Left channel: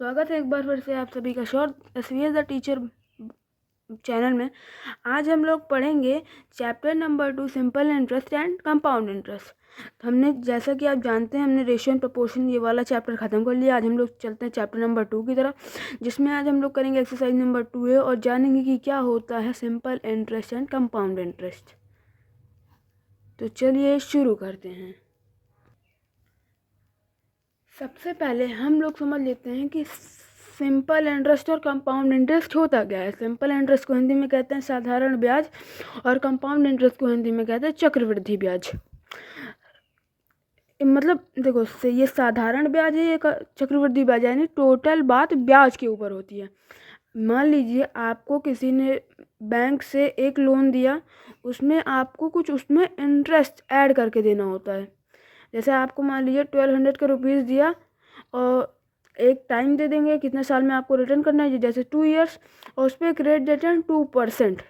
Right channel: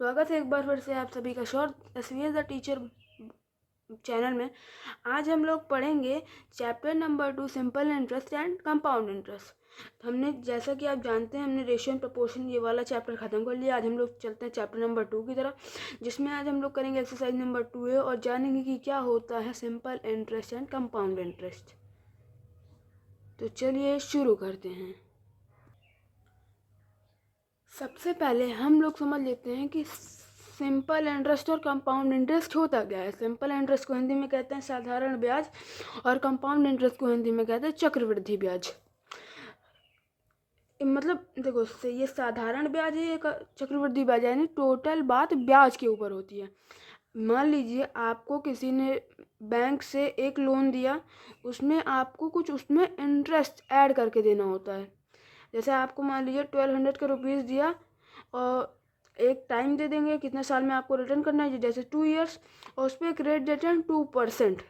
स्वागत है एक बार फिर से आप सभी का शॉर्ट एसवीएस द टीचर चैनल में। आज हम लोग पढ़ेंगे chapter number 2 simple interest and compound interest. हमने जैसा कि आप जानते हैं हमने रेशियो एंड प्रोपोर्शन ये वाला चैप्टर ख़त्म कर लिया। आज हम लोग चलते हैं चैप्टर नंबर 2 की तरफ, जिसमें आज हम लोग करेंगे एक्सरसाइज नंबर 2A और जानेंगे कि क्या होता है simple interest and compound interest. तो चलिए शुरू करते हैं। सबसे पहले हम लोग समझ लेते हैं कि सिंपल इंटरेस्ट और कंपाउंड इंटरेस्ट होता क्या है। सिंपल इंटरेस्ट को हिंदी में कहते हैं साधारण ब्याज और कंपाउंड इंटरेस्ट को हिंदी में कहते हैं चक्रवृद्धि ब्याज। मतलब देखो, ये साधारण ब्याज है, ये चक्रवृद्धि ब्याज, यानी टोटल बात ब्याज के ऊपर होती है। मान लीजिए आपको किसी ने बैंक से एक लोन दिया, उसमें आपको कुछ उसमें इंटरेस्ट ऐड करके देना होता है। जैसे आपको मान लीजिए 1200 का रुपीज़ दिया और एक टाइम दे देंगे कितने साल में आपको रिटर्न करना है, जैसे 2 ईयर्स, और उस पर एक रेट रिटर्न 2%,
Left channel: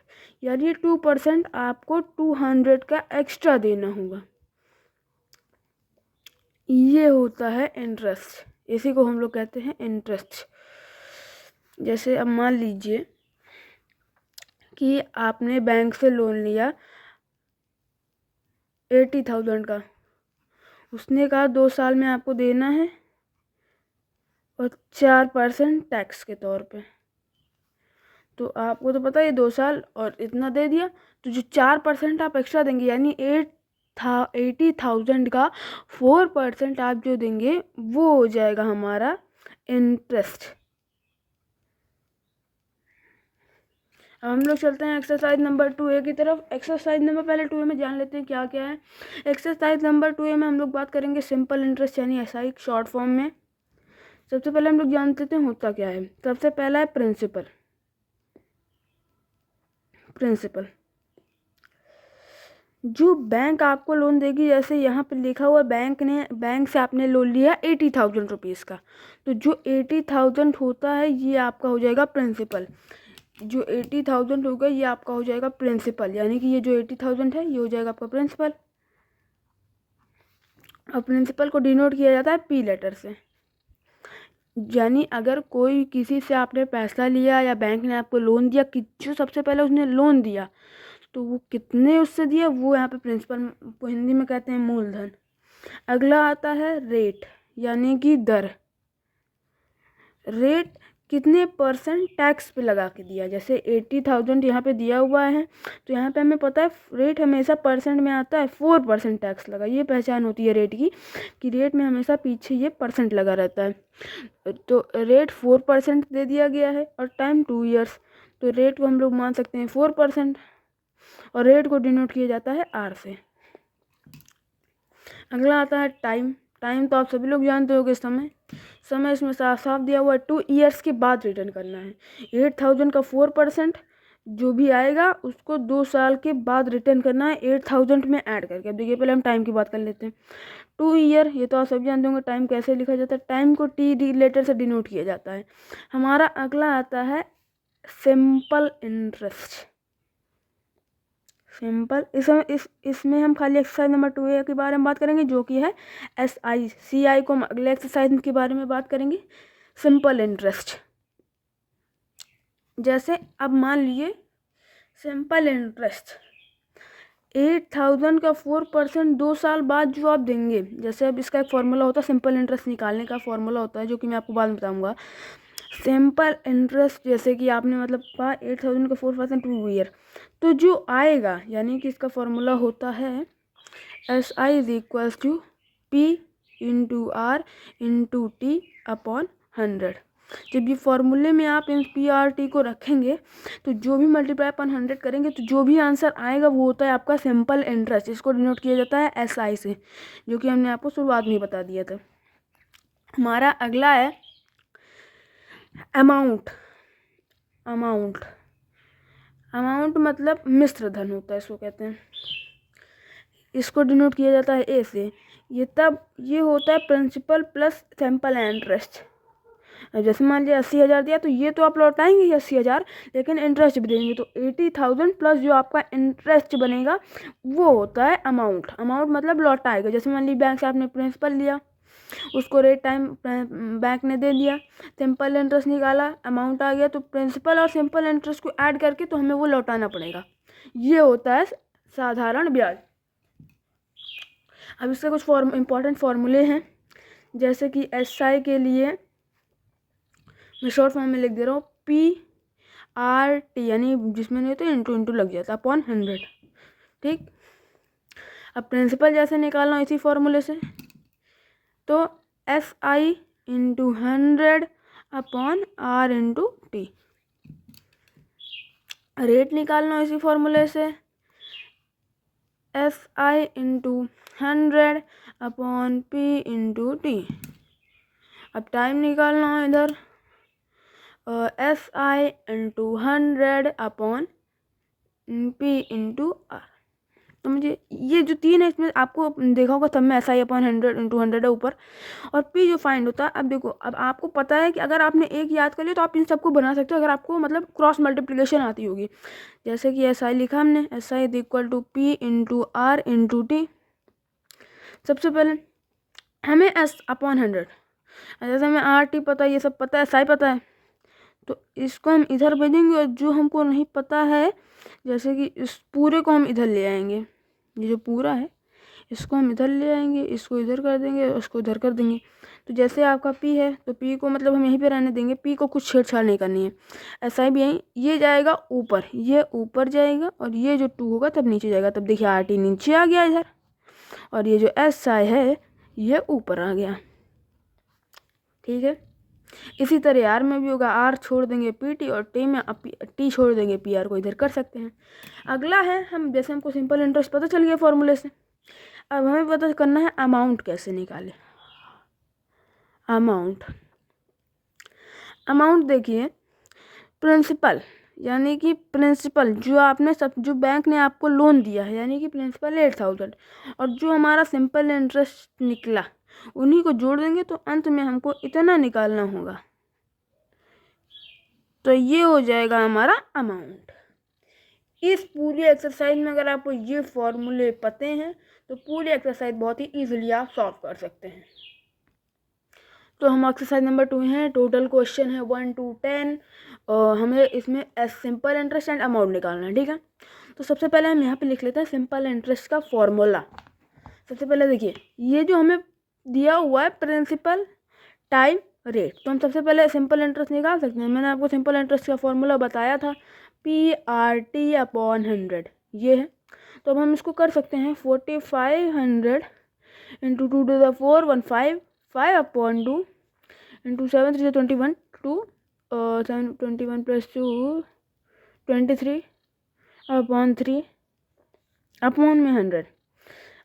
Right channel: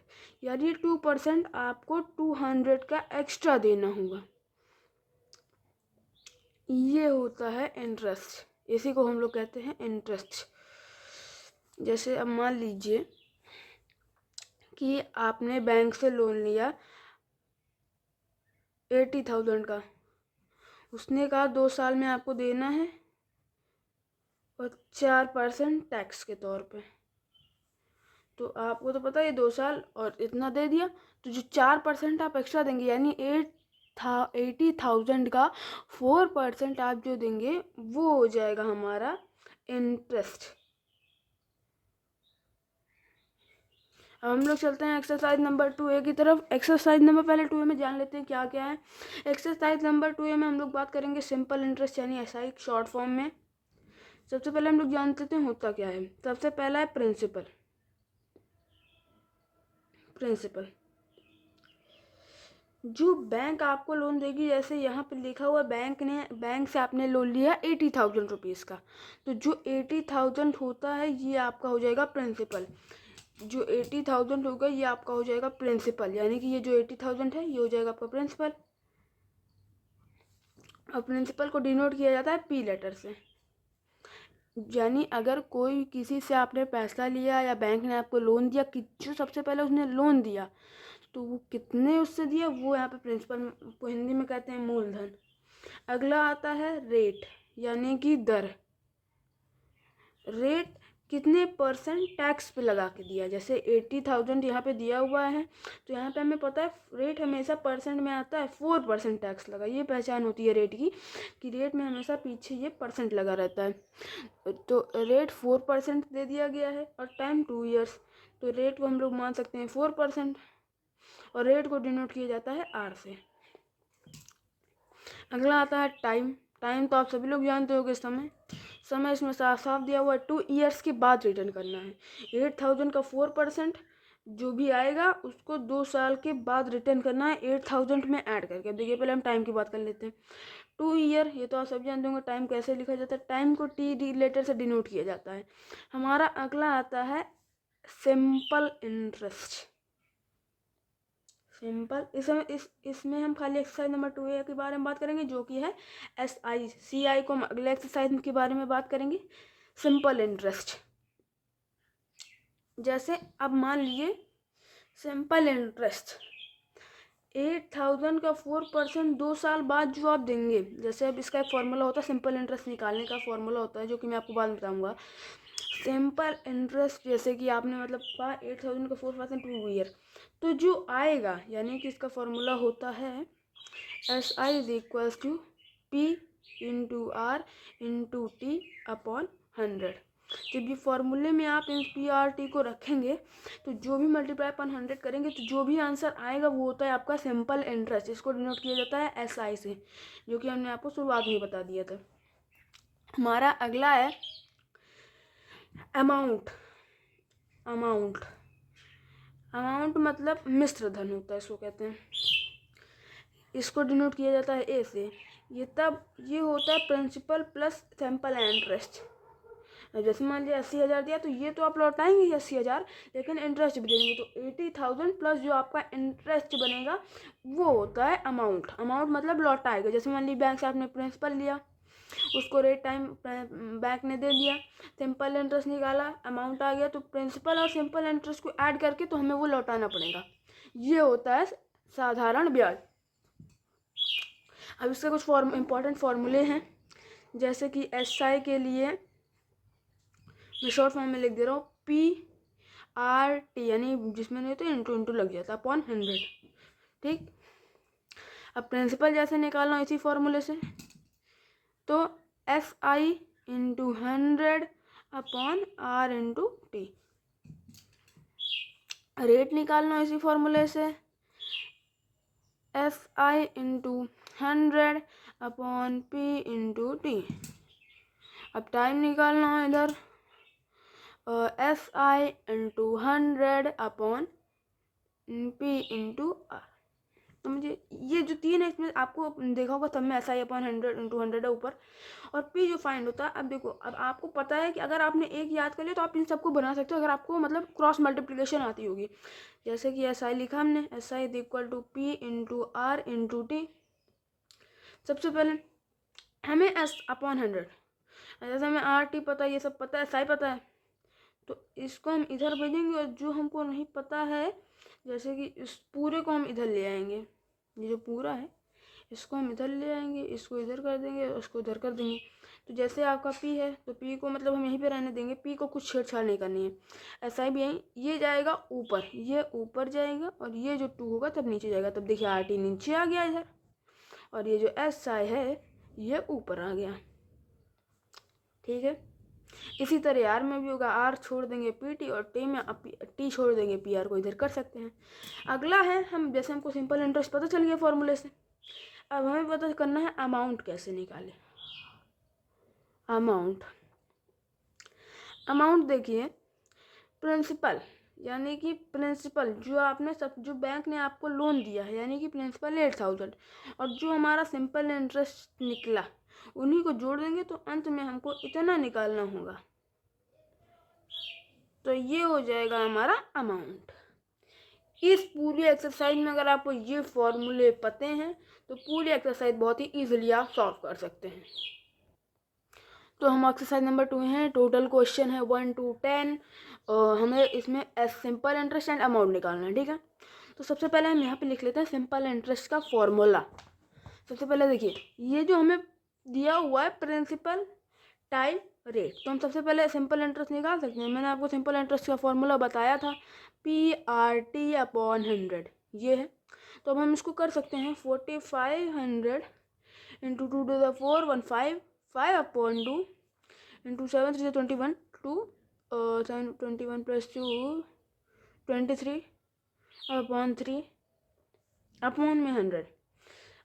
यानी 2% आपको 200 का एक्स्ट्रा देना होगा। ये होता है इंटरेस्ट, इसी को हम लोग कहते हैं इंटरेस्ट। जैसे अब मान लीजिए कि आपने बैंक से लोन लिया 80,000 का, उसने कहा 2 साल में आपको देना है और 4% टैक्स के तौर पे। तो आपको तो पता है 2 साल और इतना दे दिया, तो जो 4% आप एक्स्ट्रा देंगे, यानी 80,000 का 4% आप जो देंगे वो हो जाएगा हमारा इंटरेस्ट। अब हम लोग चलते हैं एक्सरसाइज नंबर 2A की तरफ। एक्सरसाइज नंबर पहले 2A में जान लेते हैं क्या क्या है। एक्सरसाइज नंबर 2A में हम लोग बात करेंगे सिंपल इंटरेस्ट यानी एसआई शॉर्ट फॉर्म में। सबसे पहले हम लोग जान लेते हैं होता क्या है। सबसे पहला है प्रिंसिपल। जो बैंक आपको लोन देगी, जैसे यहाँ पे लिखा हुआ बैंक से आपने लोन लिया 80,000 रुपीज़ का, तो जो 80,000 होता है ये आपका हो जाएगा प्रिंसिपल। जो 80,000 होगा ये आपका हो जाएगा प्रिंसिपल, यानी कि ये जो 80,000 है ये हो जाएगा आपका प्रिंसिपल। और प्रिंसिपल को डिनोट किया जाता है पी लेटर से। यानी अगर कोई किसी से आपने पैसा लिया या बैंक ने आपको लोन दिया, कि जो सबसे पहले उसने लोन दिया तो वो कितने उससे दिया, वो यहाँ पे प्रिंसिपल को हिंदी में कहते हैं मूलधन। अगला आता है रेट, यानी कि दर। रेट कितने परसेंट टैक्स पे लगा के दिया। जैसे 80,000 यहाँ पे दिया हुआ है, तो यहाँ पे हमें पता है रेट हमेशा परसेंट में आता है, 4% टैक्स लगा। ये पहचान होती है रेट की, कि रेट में हमेशा पीछे ये परसेंट लगा रहता है। तो रेट 4% दे दिया गया है और टाइम 2 ईयर्स, तो रेट को हम लोग मान सकते हैं 4%, और रेट को डिनोट किया जाता है आर से। अगला आता है टाइम। टाइम तो आप सभी लोग जानते होंगे। समय इसमें साफ साफ दिया हुआ है, 2 ईयर्स के बाद रिटर्न करना है। 8,000 का 4% जो भी आएगा उसको 2 साल के बाद रिटर्न करना है 8,000 में ऐड करके। अब देखिए पहले हम टाइम की बात कर लेते हैं। 2 ईयर, ये तो आप सब जानते होंगे टाइम कैसे लिखा जाता है। टाइम को टी लेटर से डिनोट किया जाता है। हमारा अगला आता है सिंपल इंटरेस्ट। सिंपल, इसमें हम खाली एक्सरसाइज नंबर 2A के बारे में बात करेंगे, जो कि है SI को हम अगले एक्सरसाइज के बारे में बात करेंगे। सिंपल इंटरेस्ट, जैसे अब मान लीजिए सिंपल इंटरेस्ट 8,000 का 4% 2 साल बाद जो आप देंगे। जैसे अब इसका एक फॉर्मूला होता है, सिंपल इंटरेस्ट निकालने का फॉर्मूला होता है, जो कि मैं आपको बाद में बताऊंगा। सिंपल इंटरेस्ट जैसे कि आपने मतलब कहा 8,000 का 4% 2 ईयर, तो जो आएगा, यानी कि इसका फॉर्मूला होता है SI is equals to P into R into T upon 100। जब ये फॉर्मूले में आप इन PRT को रखेंगे तो जो भी मल्टीप्लाई अपन 100 करेंगे तो जो भी आंसर आएगा वो होता है आपका सिंपल इंटरेस्ट। इसको डिनोट किया जाता है SI से, जो कि हमने आपको शुरुआत में बता दिया था। हमारा अगला है अमाउंट। अमाउंट मतलब मिश्र धन होता है, इसको कहते हैं। इसको डिनोट किया जाता है ए से। ये होता है प्रिंसिपल प्लस सिंपल इंटरेस्ट। जैसे मान लिया 80,000 दिया, तो ये तो आप लौटाएंगे ही 80,000, लेकिन इंटरेस्ट भी देंगे, तो 80,000 प्लस जो आपका इंटरेस्ट बनेगा वो होता है अमाउंट। अमाउंट मतलब लौटाएगा। जैसे मान लीजिए बैंक से आपने प्रिंसिपल लिया उसको रेट टाइम बैंक ने दे दिया, सिंपल इंटरेस्ट निकाला, अमाउंट आ गया, तो प्रिंसिपल और सिंपल इंटरेस्ट को ऐड करके तो हमें वो लौटाना पड़ेगा। ये होता है साधारण ब्याज। अब इसके कुछ इंपॉर्टेंट फॉर्मूले हैं, जैसे कि SI के लिए मैं शॉर्ट फॉर्म में लिख दे रहा हूँ, PRT, यानी जिसमें नहीं तो इंटू लग जाता अपॉन 100, ठीक। अब प्रिंसिपल जैसे निकालना इसी फॉर्मूले से, तो SI into 100 upon R into T। Rate निकालना इसी फॉर्मूले से, SI into 100 upon P into T। अब टाइम निकालना है इधर, SI into 100 upon P into R। तो मुझे ये जो तीन है इसमें आपको देखा होगा सब में SI अपॉन 100 इंटू 100 है ऊपर, और P जो फाइंड होता है। अब देखो, अब आपको पता है कि अगर आपने एक याद कर लिया तो आप इन सबको बना सकते हो, अगर आपको मतलब क्रॉस मल्टीप्लिकेशन आती होगी। जैसे कि SI लिखा हमने, SI is equal to P into R into T। सबसे पहले हमें S अपॉन 100, जैसे हमें RT पता है, ये सब पता है, SI पता है, तो इसको हम इधर भेजेंगे, और जो हमको नहीं पता है जैसे कि इस पूरे को हम इधर ले आएंगे, ये जो पूरा है इसको हम इधर ले आएंगे, इसको इधर कर देंगे, उसको इधर कर देंगे। तो जैसे आपका P है तो P को मतलब हम यहीं पे रहने देंगे, P को कुछ छेड़छाड़ नहीं करनी है। SI भी यहीं, ये जाएगा ऊपर, ये ऊपर जाएगा, और ये जो 2 होगा तब नीचे जाएगा। तब देखिए RT नीचे आ गया इधर, और ये जो SI है ये ऊपर आ गया, ठीक है। इसी तरह R में भी होगा, R छोड़ देंगे PT, और T में T छोड़ देंगे PR को इधर कर सकते हैं। अगला है, हम जैसे हमको सिंपल इंटरेस्ट पता चल गया फॉर्मूले से, अब हमें पता करना है अमाउंट कैसे निकाले। अमाउंट देखिए, प्रिंसिपल यानी कि प्रिंसिपल जो आपने जो बैंक ने आपको लोन दिया है, यानी कि प्रिंसिपल 8000, और जो हमारा सिंपल इंटरेस्ट निकला उन्हीं को जोड़ देंगे, तो अंत में हमको इतना निकालना होगा, तो ये हो जाएगा हमारा अमाउंट। इस पूरी एक्सरसाइज में अगर आपको ये फॉर्मूले पते हैं तो पूरी एक्सरसाइज बहुत ही इजीली आप सॉल्व कर सकते हैं। तो हम एक्सरसाइज नंबर 2 हैं, टोटल क्वेश्चन है 1 to 10, और हमें इसमें सिंपल इंटरेस्ट एंड अमाउंट निकालना है, ठीक है। तो सबसे पहले हम यहाँ पे लिख लेते हैं सिंपल इंटरेस्ट का फॉर्मूला। सबसे पहले देखिए, ये जो हमें दिया हुआ है प्रिंसिपल टाइम रेट, तो हम सबसे पहले सिंपल इंटरेस्ट निकाल सकते हैं। मैंने आपको सिंपल इंटरेस्ट का फॉर्मूला बताया था, PRT अपॉन 100, ये है। तो अब हम इसको कर सकते हैं, 4500 into 2 to the 4 15 5 upon 2 into 7 3 21 2 7 21 plus 2 23 upon 3 upon में 100।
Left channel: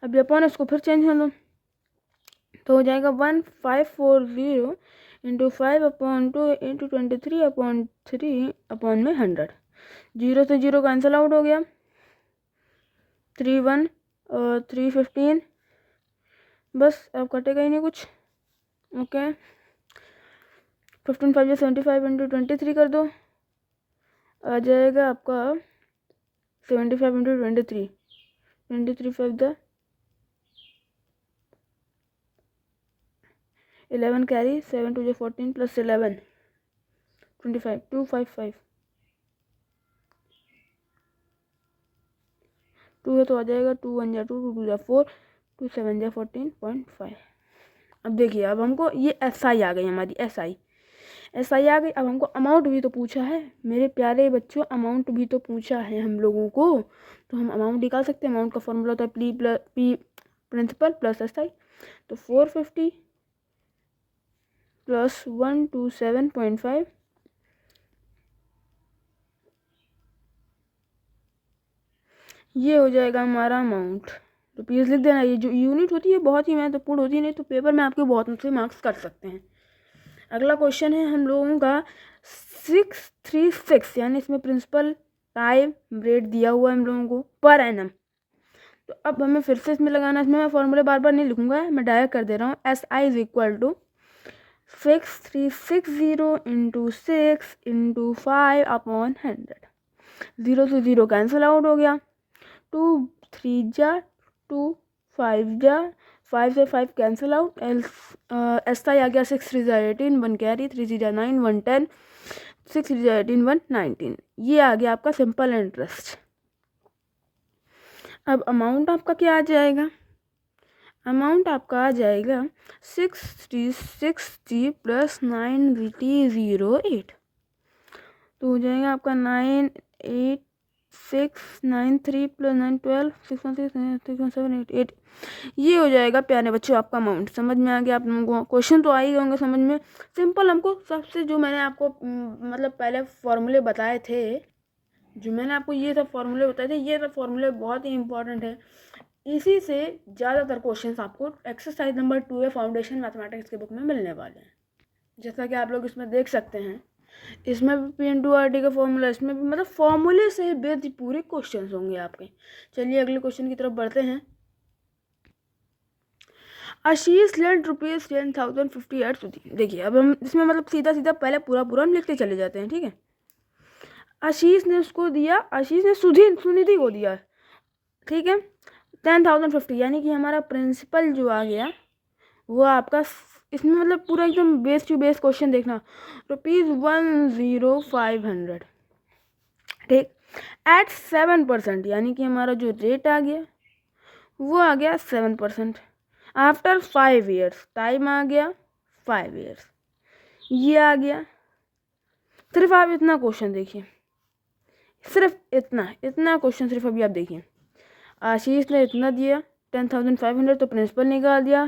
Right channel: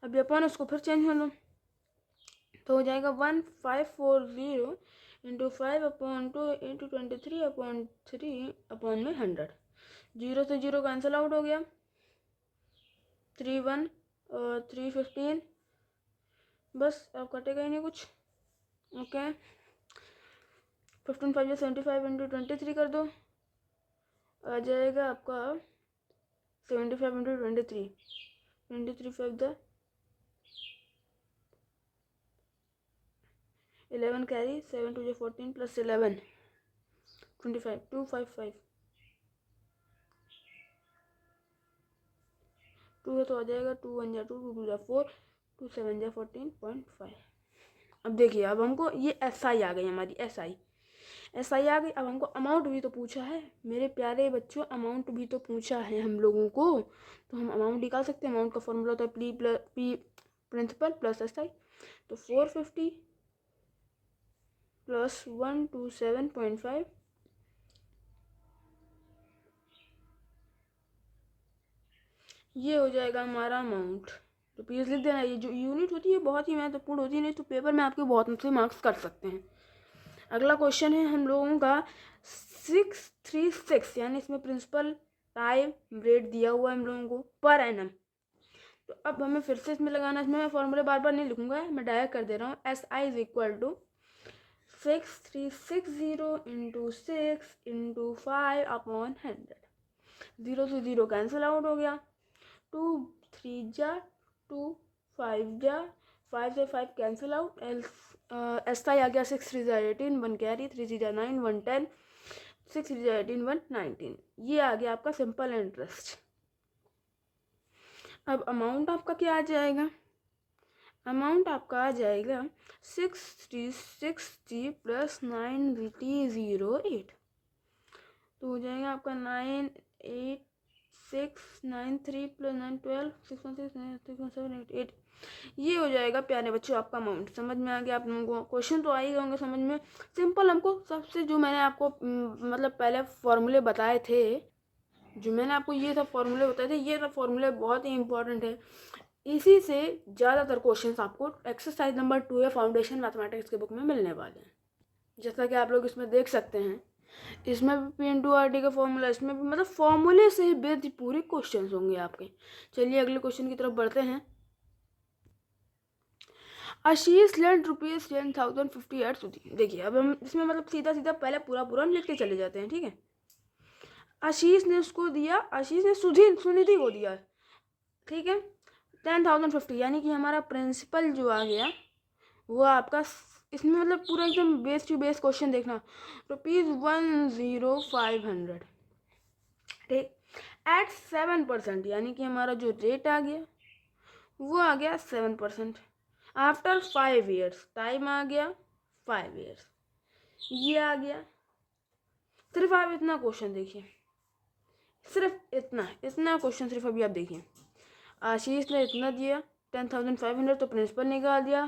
अब अपॉन इसको फिर चेंज कर दो, तो हो जाएगा 1540 into 5 upon 2 into 23 upon 3 upon में 100। 0 से 0 कैंसिल आउट हो गया, 3 1 और 3 15, बस अब कटेगा ही नहीं कुछ, ओके। 15 5 या 75 इंटू 23 कर दो, आ जाएगा आपका 75 इंटू 23, 23 5 द 11 कैरी, 7 2 14 प्लस 11 25 255 2 है तो आ जाएगा 2 1 जा 2 2 2 जा 4 2 7 जा 14.5। अब देखिए, अब हमको ये SI आ गई, हमारी SI आ गई। अब हमको अमाउंट भी तो पूछा है मेरे प्यारे बच्चों, अमाउंट भी तो पूछा है हम लोगों को, तो हम अमाउंट निकाल सकते हैं। अमाउंट का फॉर्मूला होता है P प्रिंसिपल प्लस SI, तो 450 प्लस 127.5, ये हो जाएगा हमारा अमाउंट। तो प्लीज़ लिख देना, ये जो यूनिट होती है बहुत ही महत्वपूर्ण होती है, नहीं तो पेपर में आपके बहुत से मार्क्स कट सकते हैं। अगला क्वेश्चन है हम लोगों का 636, यानी इसमें प्रिंसिपल टाइम रेट दिया हुआ है हम लोगों को पर एनम। तो अब हमें फिर से इसमें लगाना, इसमें मैं फॉर्मूले बार बार नहीं लिखूंगा, मैं डायरेक्ट कर दे रहा हूँ। SI is equal to 6360 into 6 into 5 upon 100। 0 से 0 कैंसिल आउट हो गया, 2 3 जा 2 5 जा 5 से 5 कैंसिल आउट, एस आई आ गया 6 3 18, 1 कैरी, 3 3 9, 1 10, 6 3 18, 1 19। ये आ गया आपका सिंपल इंटरेस्ट। अब अमाउंट आपका क्या आ जाएगा? अमाउंट आपका आ जाएगा 660 प्लस 908, तो हो जाएगा आपका 98693 प्लस 912 616 ये हो जाएगा प्यारे बच्चों आपका अमाउंट। समझ में आ गया आप लोगों को? क्वेश्चन तो आ ही होंगे समझ में। सिंपल हमको सबसे जो मैंने आपको मतलब पहले फॉर्मूले बताए थे, जो मैंने आपको ये सब फॉर्मूले बताए थे, ये सब फॉर्मूले बहुत ही इंपॉर्टेंट है। इसी से ज़्यादातर क्वेश्चंस आपको एक्सरसाइज नंबर 2 या फाउंडेशन मैथमेटिक्स के बुक में मिलने वाले हैं। जैसा कि आप लोग इसमें देख सकते हैं, इसमें भी पी इंटू आर टी का फॉर्मूला, इसमें भी मतलब फॉर्मूले से बेस्ड पूरे क्वेश्चंस होंगे आपके। चलिए अगले क्वेश्चन की तरफ बढ़ते हैं। आशीष लेंट रुपीज 10,050 एट सुधी। देखिए अब हम इसमें मतलब सीधा सीधा पहले पूरा हम लिखते चले जाते हैं, ठीक है। आशीष ने उसको दिया, आशीष ने सुनिधि को दिया, ठीक है, 10,050, यानी कि हमारा प्रिंसिपल जो आ गया वो आपका, इसमें मतलब पूरा एकदम बेस टू बेस क्वेश्चन देखना, ₹10,500, ठीक, एट 7%, यानी कि हमारा जो रेट आ गया वो आ गया 7%। आफ्टर 5 ईयर्स, टाइम आ गया 5 ईयर्स, ये आ गया। सिर्फ आप इतना क्वेश्चन देखिए, सिर्फ इतना क्वेश्चन सिर्फ अभी आप देखिए। आशीष ने इतना दिया 10,500, तो प्रिंसिपल निकाल दिया,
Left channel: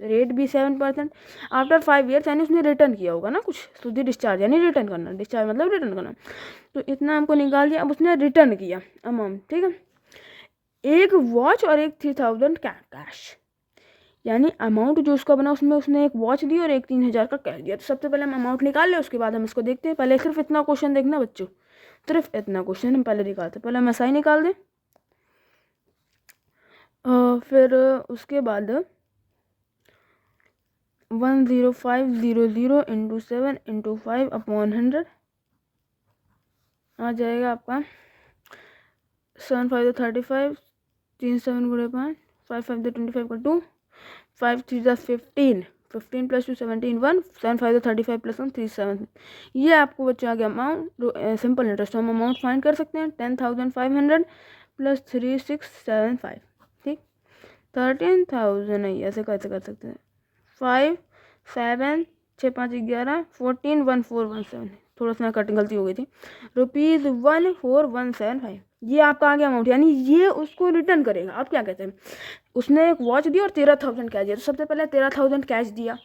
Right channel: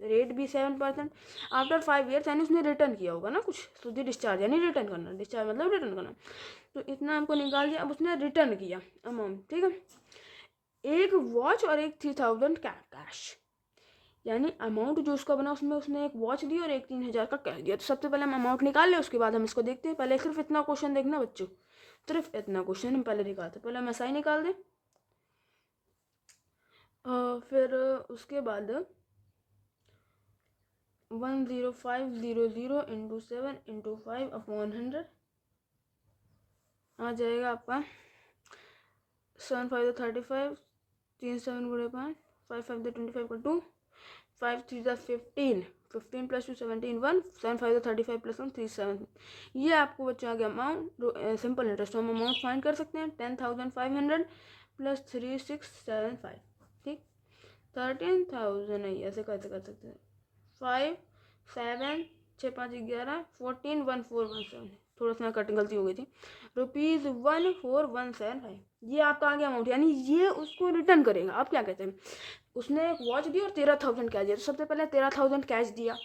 रेट भी 7%। आफ्टर 5 ईयर्स, यानी उसने रिटर्न किया होगा ना कुछ, सुधी डिस्चार्ज यानी रिटर्न करना, डिस्चार्ज मतलब रिटर्न करना, तो इतना हमको निकाल दिया। अब उसने रिटर्न किया अमाउंट, ठीक है, एक वॉच और एक 3,000 कैश, यानी अमाउंट जो उसका बना उसमें उसने एक वॉच दी और एक 3,000 का कैश दिया। तो सबसे पहले हम अमाउंट निकाल लें, उसके बाद हम इसको देखते हैं। पहले सिर्फ इतना क्वेश्चन देखना बच्चों, सिर्फ इतना क्वेश्चन हम पहले निकालते हैं। पहले हम एसआई निकाल दें, फिर उसके बाद 10500 इंटू 7 इंटू 5 अपॉन 100 आ जाएगा आपका 7 5 35, 3 7 गुणे 5, 5 5 25 का 2, 5 3 15, 15 प्लस 2 17 1, 7 5 35 प्लस 1 3 7। ये आपको बच्चा आ गया अमाउंट, सिंपल इंटरेस्ट। हम अमाउंट फाइंड कर सकते हैं 10,500 प्लस 3675, ठीक, 13,000 नहीं, ऐसे कैसे कर सकते हैं, 5 7 6 5 11 14 1417, थोड़ा सा कटिंग गलती हो गई थी, ₹14,175। ये आपका आ गया अमाउंट, यानी ये उसको रिटर्न करेगा। आप क्या कहते हैं, उसने एक वॉच दी और 13,000 कैश दिया, तो सबसे पहले 13,000 कैश दिया,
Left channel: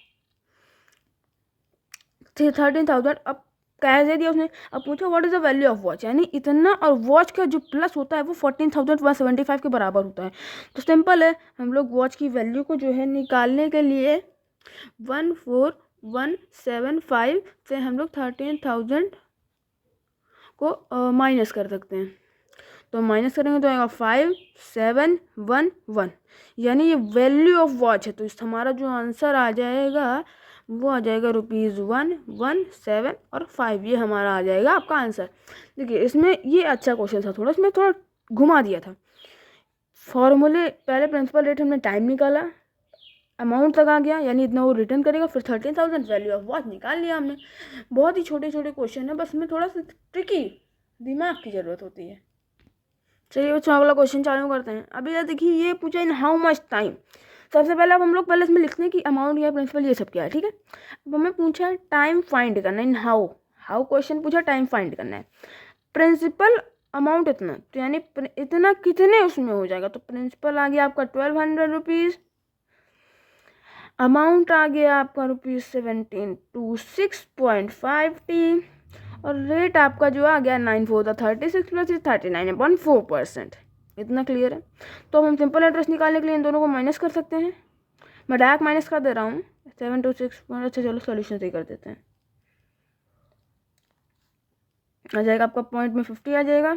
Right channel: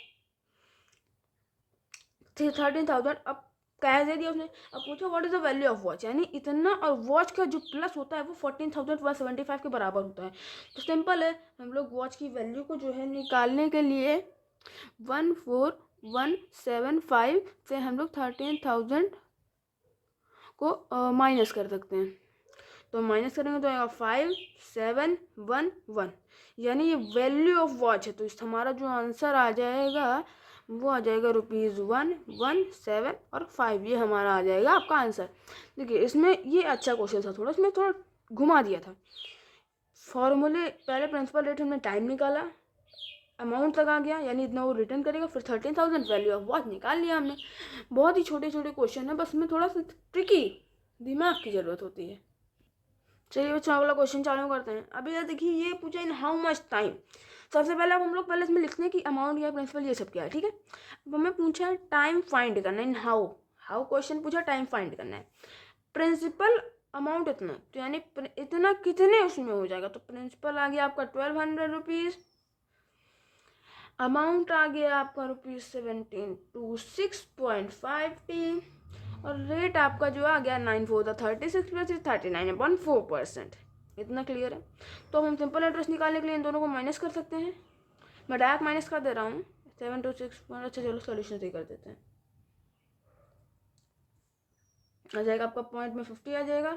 13,000 अब कैश दे दिया उसने। अब पूछो what is the value of watch, यानी इतना, और वॉच का जो प्लस होता है वो 14,175 के बराबर होता है। तो सिंपल है, हम लोग वॉच की वैल्यू को जो है निकालने के लिए 14,175 से हम लोग 13,000 को माइनस कर सकते हैं। तो माइनस करेंगे तो आएगा 5711, यानी ये वैल्यू ऑफ वॉच है। तो इस हमारा जो आंसर आ जाएगा वो आ जाएगा ₹117 और 5, ये हमारा आ जाएगा आपका आंसर। देखिए इसमें ये अच्छा क्वेश्चन था, थोड़ा इसमें थोड़ा घुमा दिया था। फॉर्मूले पहले प्रिंसिपल रेट हमने टाइम निकाला, अमाउंट तक आ गया, यानी इतना वो रिटर्न करेगा, फिर 13,000 वैल्यू ऑफ वॉच निकाल लिया हमने। बहुत ही छोटे छोटे क्वेश्चन है, बस में थोड़ा सा ट्रिकी दिमाग की ज़रूरत होती है। चलिए बच्चों अगला क्वेश्चन चालू करते हैं। अभी यार देखिए ये पूछा इन हाउ मच टाइम। सबसे पहले अब हम लोग पहले इसमें लिखते हैं कि अमाउंट या प्रिंसिपल ये सब क्या है, ठीक है। अब हमें पूछा है टाइम फाइंड करना, इन हाउ क्वेश्चन पूछा टाइम फाइंड करना है। प्रिंसिपल अमाउंट इतना, तो यानी इतना कितने उसमें हो जाएगा, तो प्रिंसिपल आ गया आपका 1,200 अमाउंट आ गया आपका ₹1726.50 और रेट आपका जो आ गया 9 4 36 प्लस 39.4%। इतना क्लियर है। तो हम सिंपल इंटरेस्ट निकालने के लिए इन दोनों को माइनस कर सकते हैं। मैं डायरेक्ट माइनस कर दे रहा हूँ 726। अच्छा चलो सोल्यूशन सही कर देते हैं। आ जाएगा आपका पॉइंट में 50 आ जाएगा,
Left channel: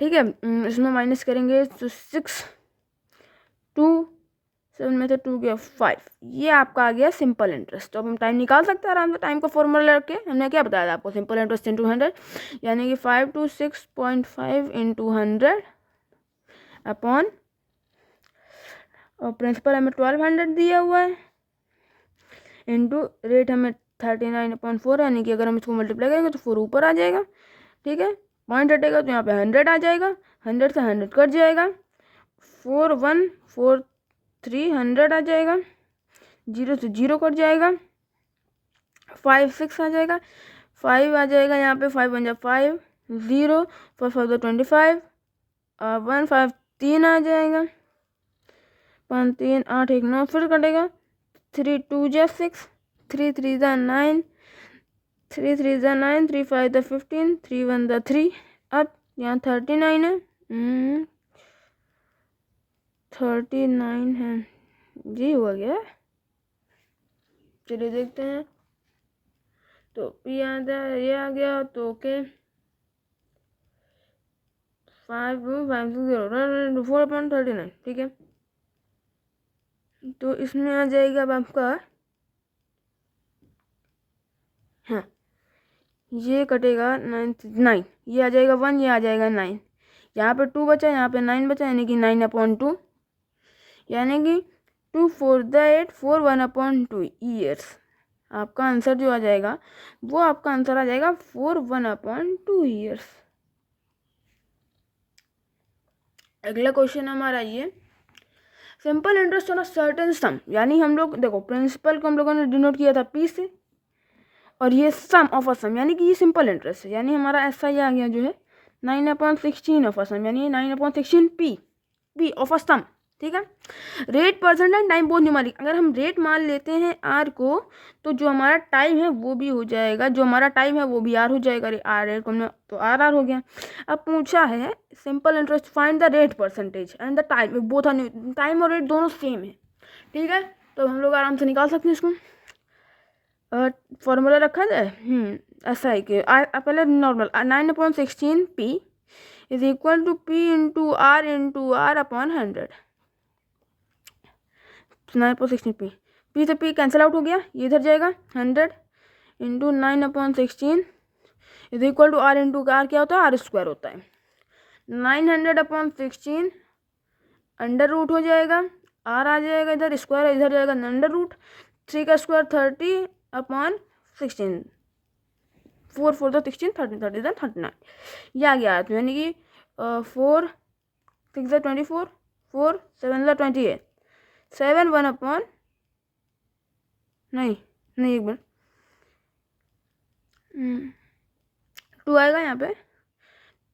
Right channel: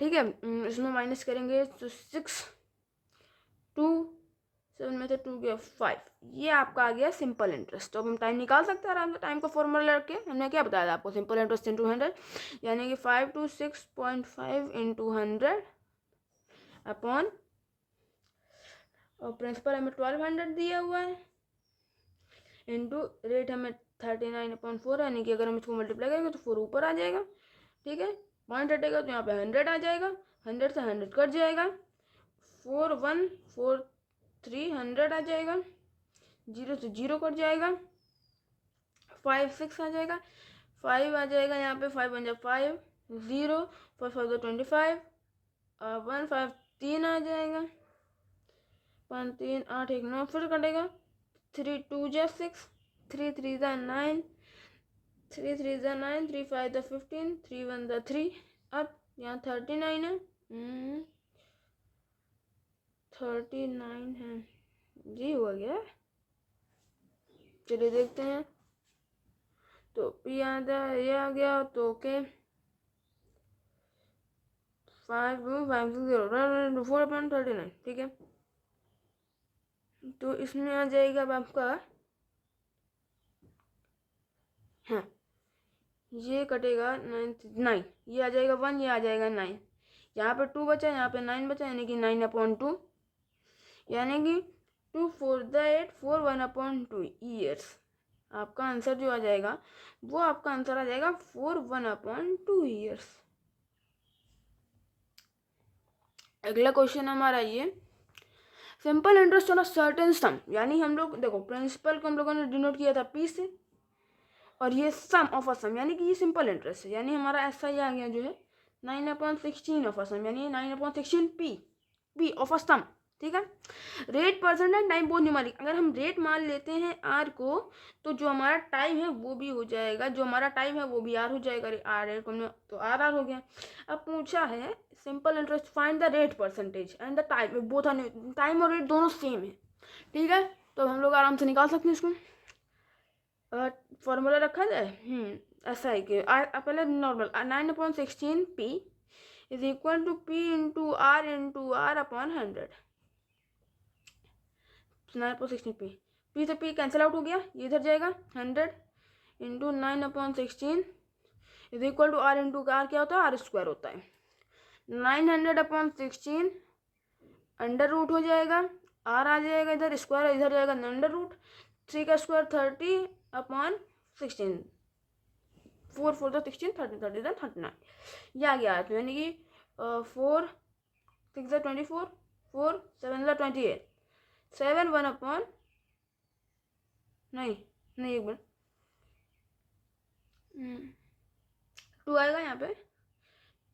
ठीक है। इसमें माइनस करेंगे तो 6 2 7 में से 2 गया 5, ये आपका आ गया सिंपल इंटरेस्ट। तो अब हम टाइम निकाल सकते हैं आराम से। टाइम का फॉर्मूला रख के हमने क्या बताया था आपको, सिंपल इंटरेस्ट इंटू 100, यानी कि 526.5 इंटू 100 अपॉन और प्रिंसिपल हमें 1200 दिया हुआ है, इंटू रेट हमें 39/4, यानी कि अगर हम इसको मल्टीप्लाई करेंगे तो 4 ऊपर आ जाएगा। ठीक है, पॉइंट हटेगा तो यहाँ पे 100 आ जाएगा, 100 से 100 कट जाएगा, 4143 आ जाएगा, 0 से 0 कट जाएगा, 5 6 आ जाएगा, 5 आ जाएगा यहाँ पे, 5 1 जा 5, 0 4 5 25, 1 5 3 आ जाएगा, 5 3 8 1 9, फिर कटेगा, 3 2 जा 6, 3 3 जा 9, 3 3 जा 9, 3 5 जा 15, 3 1 जा 3। अब यहाँ 39 है, 39 है जी, हुआ गया। चलिए देखते हैं, तो ये आ गया तो ओके, 4/39, ठीक है। तो इसमें आ जाएगा अब आपका, हाँ ये कटेगा 9, ये आ जाएगा 1, ये आ जाएगा 9, यहाँ पे 2 बचा, यहाँ पे 9 बचा, यानी कि 9/2, यानी कि 2 4 द 8 4 1/2 ईयर्स। आपका आंसर जो आ जाएगा वो आपका आंसर आ जाएगा 4 1/2 ईयर्स। अगला क्वेश्चन हमारा ये, simple interest on a certain सम, यानी हम लोग देखो प्रिंसिपल को हम लोगों ने डिनोट किया था पी से, और ये सम ऑफ अ सम, यानी कि ये सिंपल इंटरेस्ट है, यानी हमारा ऐसा ही आ गया जो है 9/16 ऑफ अ सम, यानी 9/16 पी ऑफ अ सम। ठीक है, rate percent and time both numeric, अगर हम रेट मान लेते हैं आर को, तो जो हमारा टाइम है वो भी हो जाएगा, जो हमारा टाइम है वो भी आर हो जाएगा, आर रेट को तो आर हो गया। अब पूछा है simple interest, find the rate percentage and the time, both are, time और रेट दोनों सेम है। ठीक है, तो हम लोग आराम से निकाल सकते हैं इसको। फॉर्मूला रखा जाए, ऐसा है कि पहले normal 9/16 p is equal to p into r upon 100। 9/16 p से पी कैंसिल आउट हो गया, ये इधर जाएगा, 100 into 9/16 is equal to r into r क्या होता है, आर स्क्वायर होता है। 900/16 अंडर रूट हो जाएगा, आर आ जाएगा इधर, स्क्वायर इधर जाएगा अंडर रूट, 3 का स्क्वायर 30/16, 4 4 द 16, 30 30 द 39, ये आ गया। तो यानी कि 4 6 द 24, 4 7 द 28, 7 1/, नहीं एक बार 2 आएगा यहाँ पे,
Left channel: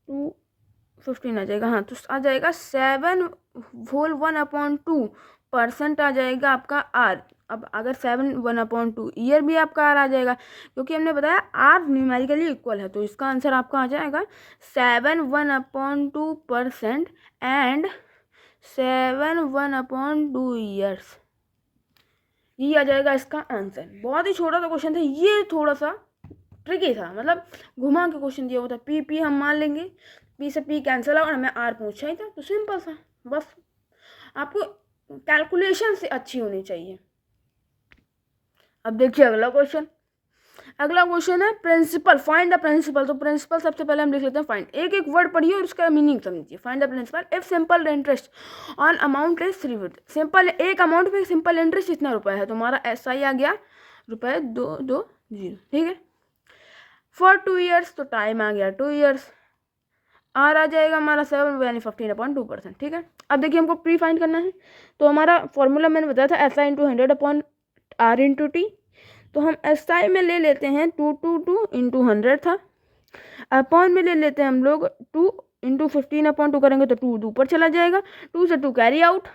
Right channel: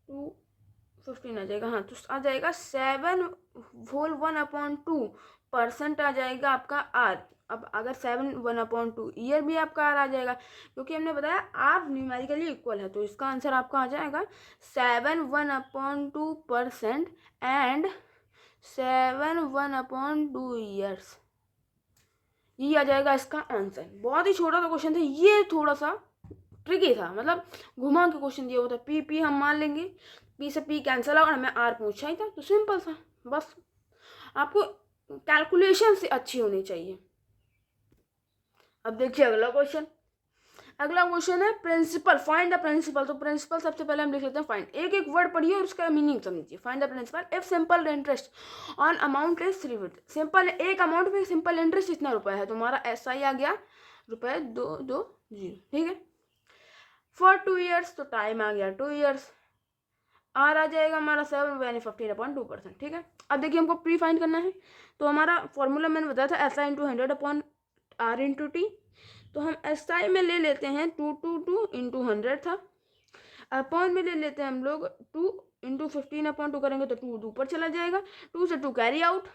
215 आ जाएगा, हाँ तो आ जाएगा 7/1/2% आ जाएगा आपका आर। अब अगर 7/1/2 ईयर भी आपका आर आ जाएगा, क्योंकि हमने बताया आर न्यूमेरिकली इक्वल है, तो इसका आंसर आपका आ जाएगा 7/1/2% एंड 7/1/2 ईयर्स, ये आ जाएगा इसका आंसर। बहुत ही छोटा सा क्वेश्चन था ये, थोड़ा सा ट्रिकी था, मतलब घुमा के क्वेश्चन दिया हुआ था। पी हम मान लेंगे, पी से पी कैंसिल और हमें आर पूछा ही था, तो सिंपल था। बस आपको कैलकुलेशन से अच्छी होनी चाहिए। अब देखिए अगला क्वेश्चन है प्रिंसिपल, फाइंड द प्रिंसिपल। तो प्रिंसिपल सबसे पहले हम लिख लेते हैं फाइंड, एक एक वर्ड पढ़िए और उसका मीनिंग समझिए। Find the principal if simple interest on amount is 3, simple एक अमाउंट पे सिंपल इंटरेस्ट इतना रुपए है, तो हमारा ऐसा ही आ गया ₹220, ठीक है। फॉर 2 ईयर्स, तो टाइम आ गया 2 ईयर्स, आर आ जाएगा हमारा 7 यानी 15/2%, ठीक है। अब देखिए हमको प्री फाइंड करना है, तो हमारा फॉर्मूला मैंने बताया था SI into 100/R into T, तो हम SI में ले लेते हैं 2 इंटू 100 था, अपॉन में ले लेते हैं हम लोग 2 इंटू 15/2 करेंगे तो 2 ऊपर चला जाएगा, 2 से 2 कैरी आउट,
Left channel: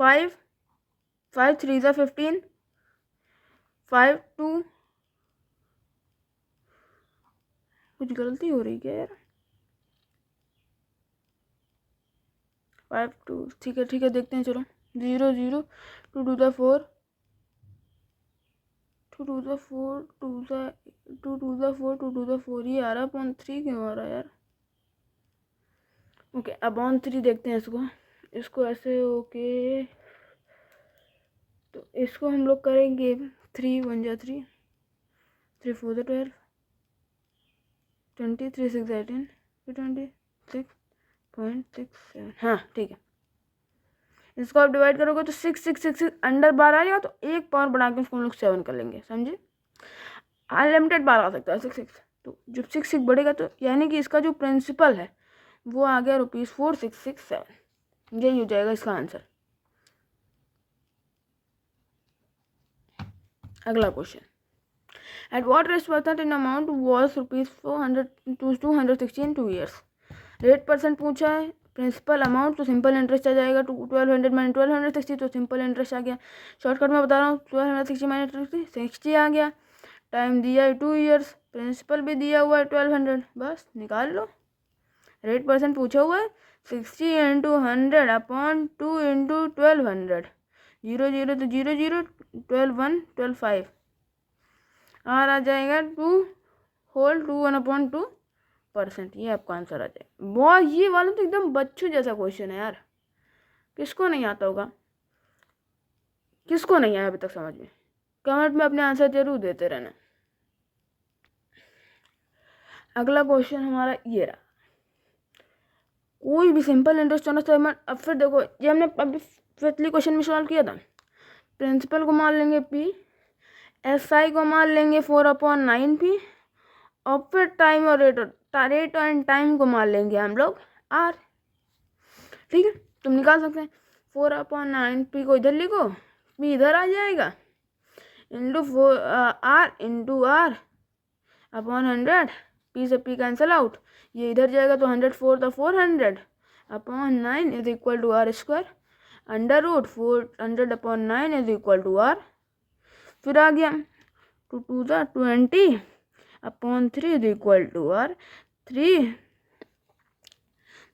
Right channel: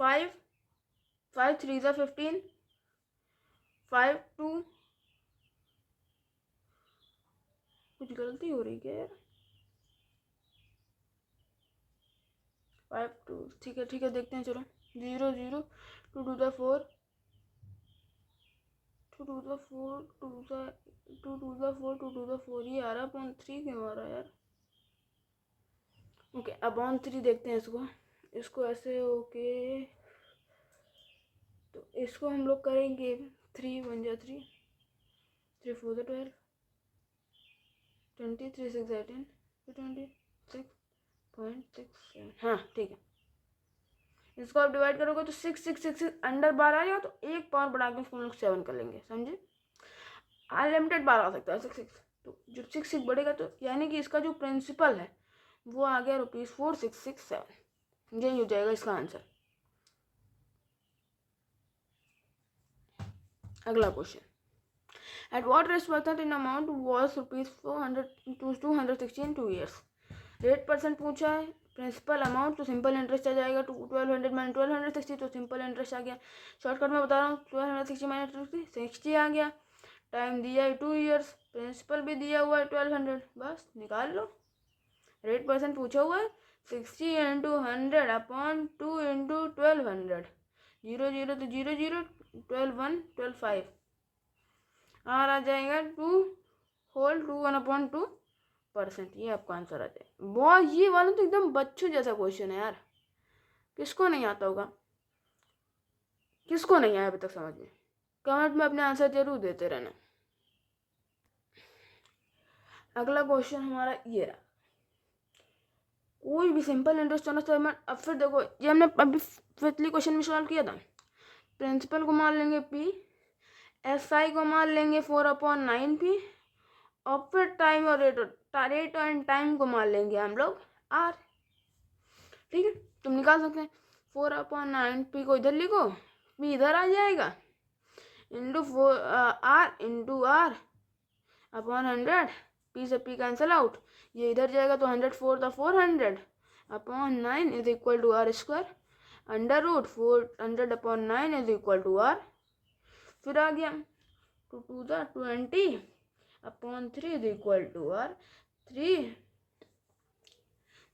5 5 3 ज़ा 15, 5 2, कुछ गलती हो रही क्या यार, 5 2, ठीक है देखते हैं, चलो 0 0 2 2 ज़ा 4, 2 2 ज़ा 4 2 ज़ा 2 2 ज़ा 4 2 2 ज़ा 4, ये आ रहा अपॉन 3 क्यों आ रहा है यार। ओके अपॉन 3 देखते हैं इसको ऐसे, ओके तो इसको हम लोग करेंगे 3 1 जा 3, 3 4 ज़ा 12, 23,618 26.67, हाँ ठीक है। इसको आप डिवाइड करोगे तो 6 अंडर 12 आएगा, तो एक पावर बढ़ा के उसको हम लोग 7 कर लेंगे, समझे। अनलिमिटेड बार आ सकता है 6, तो जब 6 बढ़ेगा तो यानी कि इसका जो प्रिंसिपल है वो आ गया ₹4667। यही हो जाएगा इसका आंसर। अगला question, at what rate percent in amount was ₹400 260 in 2 years। Rate percent पूछा है, प्रिंसिपल अमाउंट तो सिंपल इंटरेस्ट आ जाएगा, 1200 माइनस 1260 तो सिंपल इंटरेस्ट आ गया। शॉर्टकट में बता रहा हूँ, 1260 माइनस 60 आ गया। टाइम दिया है 2 years, प्रिंसिपल भी दिया हुआ है 1200, बस निकाल लो। रेट परसेंट पूछा हुआ है 60 × 100 अपॉन 2 × 1200, 0 0 तो 0 0, 12 1 12 5, आर आ जाएगा 2/2/1/2%। ये आपका आंसर आ जाएगा। बहुत ये वाला तो एकदम बच्चों जैसा क्वेश्चन है यार, किसको नहीं आता होगा, किसको नहीं आया अभी तक समझ में, कमेंट में अपने आंसर जरूर देते रहना। अगला क्वेश्चन हमारा ये रहा, कोई भी सिंपल इंटरेस्ट होना चाहिए। अब फिर देखो, ये हमने अभी फिफ्थली क्वेश्चन में सॉल्व किया था। प्रिंसिपल को मान लेंगे P, SI को मान लेंगे 4/9P, और फिर टाइम और रेट एंड टाइम को मान लेंगे हम लोग R। ठीक है, तुम निकाल सकते हैं। 4/9P को इधर लिखो, P इधर आ जाएगा, into R into R upon 100, P से P कैंसिल आउट, ये इधर जाएगा तो 104 था 400 upon 9 is equal to R², under root 400/9 is equal to R। फिर आ गया 2 2 20 upon 3 is equal to R 3,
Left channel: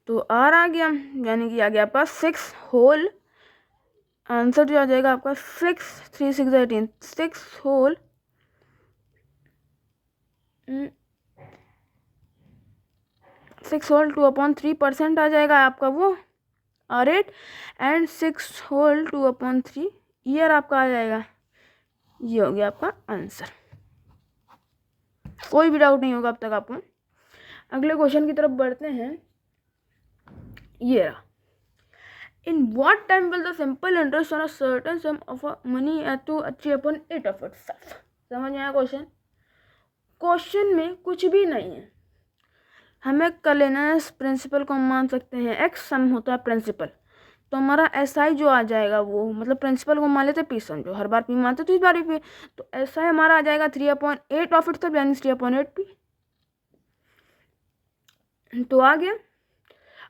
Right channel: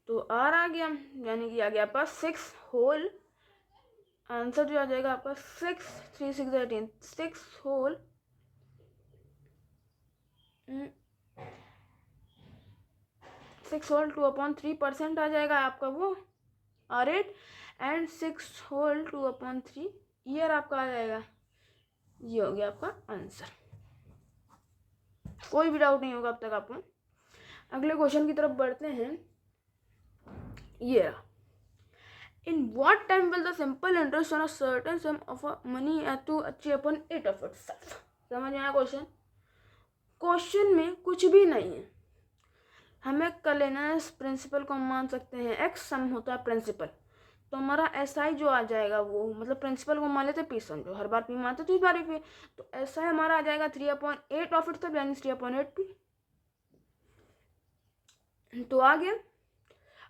तो R आ गया, यानी कि आ गया आपका 6 होल। आंसर जो आ जाएगा आपका 6 3 6 18, 6 होल 2/3% आ जाएगा आपका वो रेट, एंड 6 होल 2/3 ईयर आपका आ जाएगा। ये हो गया आपका आंसर, कोई भी डाउट नहीं होगा अब तक आपको। अगले क्वेश्चन की तरफ बढ़ते हैं। ये रहा, in what time will the simple interest on a certain sum of money to achieve upon 8 of itself. समझ में आया क्वेश्चन? क्वेश्चन में कुछ भी नहीं है, हमें कर लेना है। प्रिंसिपल को हम मान सकते हैं x, सम होता है प्रिंसिपल, तो हमारा SI जो आ जाएगा वो, मतलब प्रिंसिपल को मान लेते P, समझो हर बार P मानते तो इस बार भी P, तो SI हमारा आ जाएगा 3/8 ऑफ इट, यानी 3/8P। तो आ गया।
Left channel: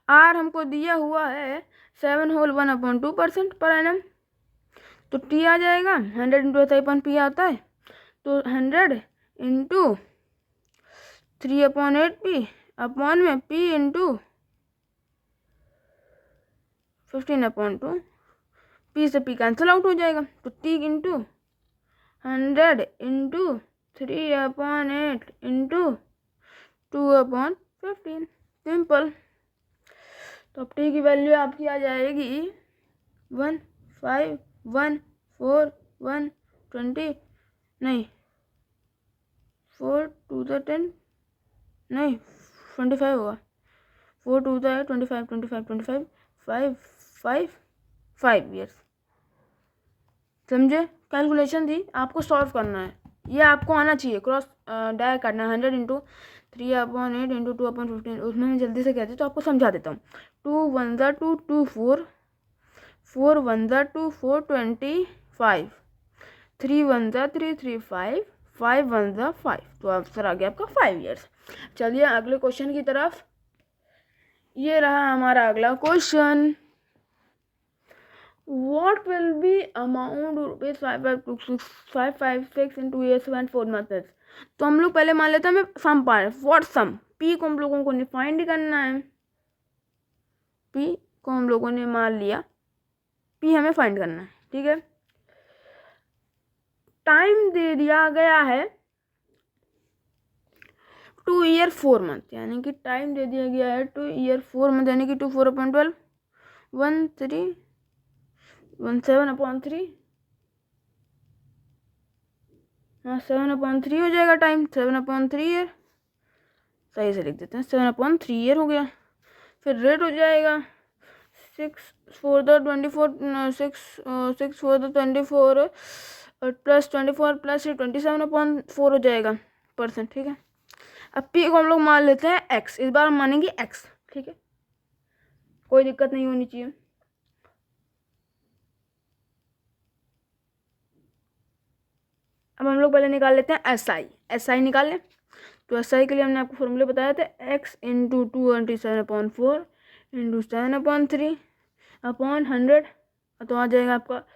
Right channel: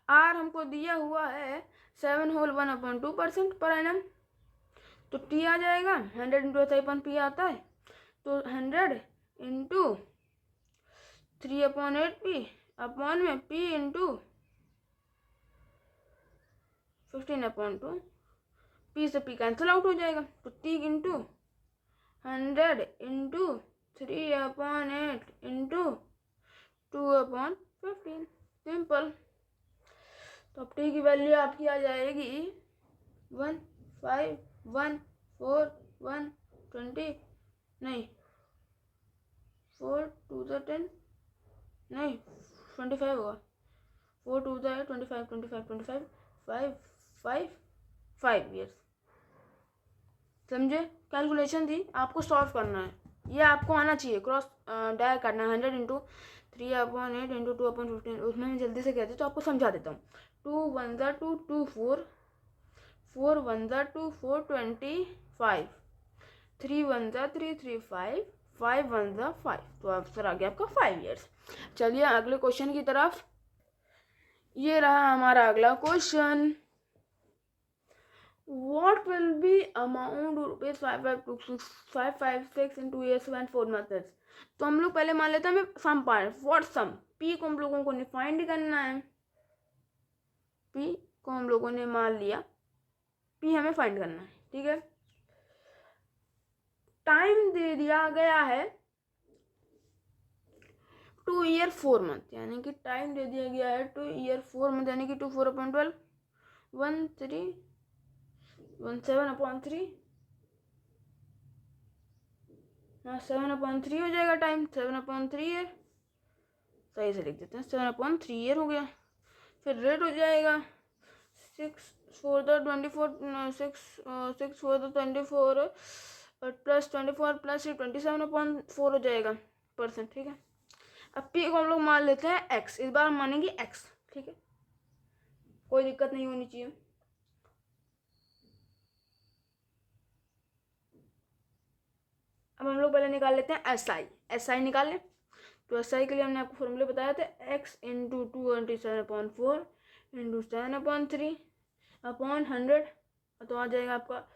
R हमको दिया हुआ है 7 होल 1/2% पर एनम, तो T आ जाएगा 100 × SI/P आता है, तो 100 × 3/8P अपॉन में P × 15/2, P से P कैंसिल आउट हो जाएगा, तो T × 100 × 3/8 × 2/15, सिंपल। तो अब T की वैल्यू आपकी आ जाएगी 1 5 1 4 1 20, नहीं 4 2 10, नहीं 25 होगा, 4 2 25 25 25 5 5 5 ईयर्स। समझे? कैलकुलेशन थी, आपको सॉल्व करना है, ये आपको आना चाहिए। क्रॉस डायर करना है 100 × 3/8 × 2/15, उसमें मैं जल्दी से कहती तो आपको समझा देता हूँ। 2 1 2 2 4 4 1 2 4 25, 3 1 3 3 5 5 1 5, तो आंसर आ गया आपका 5 ईयर्स। चलिए अगले क्वेश्चन की तरफ। ये रहा हमारा अगला question, what will be amount ₹556 in 2 years and 4 months। तो हम लोग पहले मान लेते हैं हमें सम पाए, व्हाट सम, P को हम लोगों को फाइंड करना है। P को हम लोगों ने मान लिया, P हमें फाइंड करना है, ठीक है। टाइम दे दिया गया है 2 year 4 month, यानी कि टाइम दे दिया गया है 2 year 4 month, यानी कि 2 4/12 17/3, हाँ 7/3 हो जाएगा टाइम, 7/3 ईयर। सही से लिख देते हैं, 7/3 ईयर हो गया। फिर रेट हो जाएगा 6 for the 24 प्लस 24 प्लस 27/4 हो जाएगा परसेंट, ठीक है। अब पी को हम लोग मान लेते हैं एक्स, इस बार हम मानेंगे एक्स, ठीक है, कोई दिक्कत नहीं होनी चाहिए। अब हम लोग पहले निकाल लेते हैं एस आई निकाल लें। तो एस आई के लिए हमने आपको फॉर्मूले बताया था, एक्स इंटू 27/4 इंटू 7/3 अपॉन 100, तो आ जाएगा आपका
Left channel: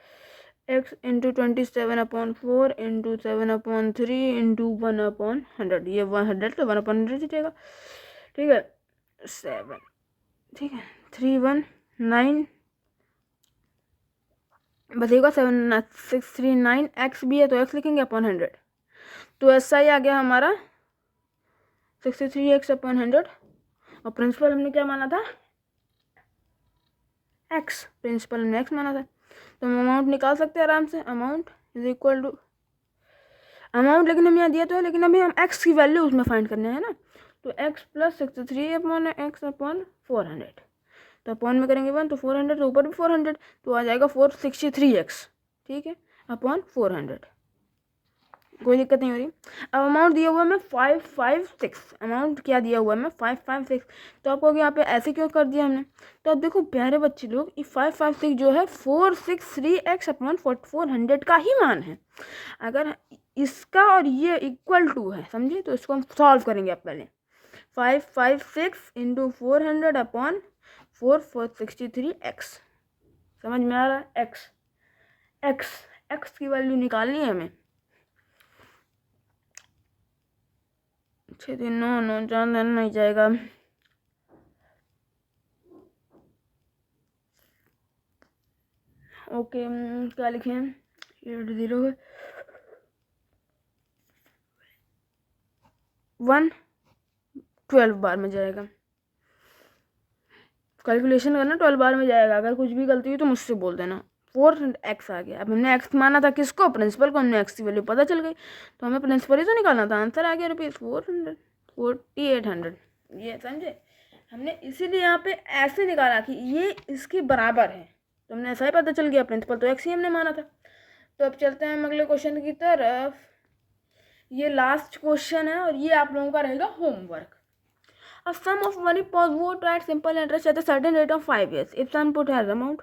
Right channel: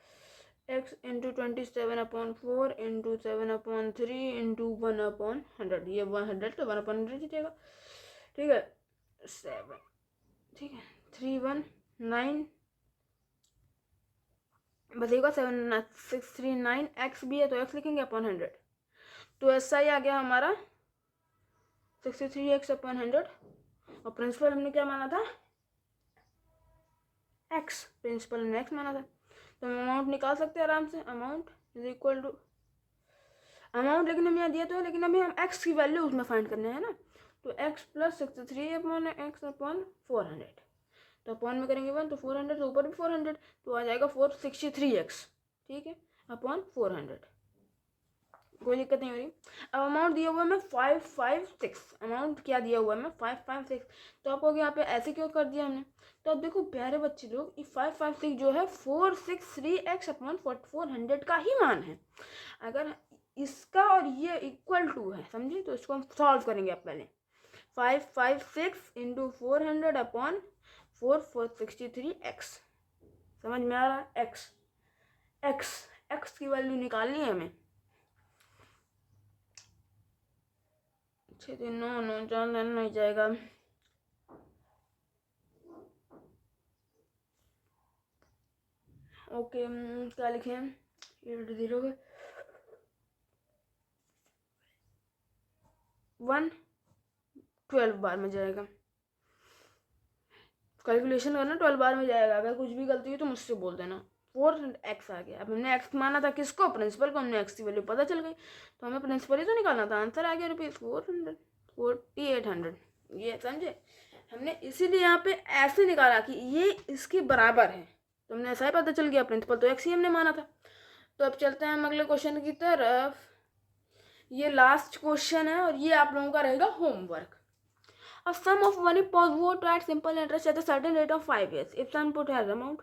एक्स इंटू 27/4 इंटू 7/3 इंटू 1/100, ये 100 तो 1/100 ही जाएगा, ठीक है। 7, ठीक है, 319 बचेगा 7639, एक्स भी है तो एक्स लिखेंगे अपॉन 100, तो एस आई आ गया हमारा 63x/100, और प्रिंसिपल हमने क्या माना था, एक्स, प्रिंसिपल हमने एक्स माना था। तो हम अमाउंट निकाल सकते हैं आराम से, amount is equal to amount, लेकिन हम यहाँ दिया तो है, लेकिन अभी हम एक्स की वैल्यू उसमें फाइंड करने हैं ना, तो एक्स प्लस 63/x/400, तो अपॉन में करेंगे 1 तो 400, तो ऊपर भी 400, तो आ जाएगा 463x, ठीक है, अपॉन 400, कोई दिक्कत नहीं हो रही। अब अमाउंट दिया हुआ है मैं 556, अमाउंट क्या दिया हुआ है मैं 556, तो आपको यहाँ पे ऐसे क्यों कर दिया हमने, तो अब देखो प्यारे बच्चे लोग, ये 556 जो है 463x/400 का ही मान है। अगर इसका और ये इक्वल टू है, समझिए, तो इसको हम सॉल्व करेंगे। अब पहले 556 इंटू 400 अपॉन 463x, समझ में आ रहा है, एक्स एक्स एक्स की वैल्यू निकालनी है हमें। 6 दिन 9 9 4 दिन नहीं जाएगा, ओके, क्या लिखें, 80 1 12 बार में जाएगा, कैलकुलेशन करना 12 बार में जाएगा, अगर कुछ भी गलती हुई तो मुझसे बोल देना। 4x आ गया। अब हमने x माना था किसको, प्रिंसिपल को, हमने x की वैल्यू पता चल गई, तो हमें प्रिंसिपल ही तो निकालना था, आंसर आ गया ₹400 4800, ये समझे, हमने इसीलिए यहाँ पे ऐसे निकाला कि ये इसके बराबर है, तो हमने ऐसा ही पता चल गया, प्रिंसिपल तो x ही हमने माना था। तो अब चलते हैं हम अगले क्वेश्चन की तरफ, ये लास्ट क्वेश्चन है और ये आप लोगों का रहेगा homework. A sum of money put at simple interest at a certain rate of 5 years. If sum put has amount,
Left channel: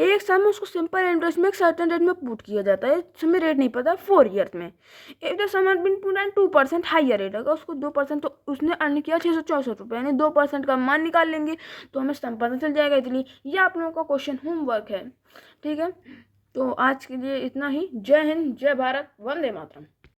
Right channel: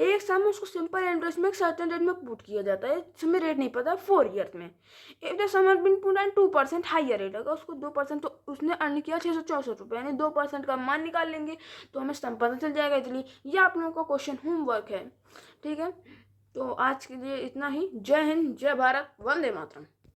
एक सम उसको सिंपल इंटरेस्ट में एक सर्टेन रेट में पुट किया जाता है, इसमें रेट नहीं पता, 4 ईयर्स में। If the sum has been put at 2% higher rate, अगर उसको 2%, तो उसने अर्न किया 664 रुपये, यानी 2% का मान निकाल लेंगे तो हमें सम पता चल जाएगा। इसलिए ये आप लोगों का क्वेश्चन होमवर्क है, ठीक है। तो आज के लिए इतना ही। जय हिंद, जय भारत, वंदे मातरम।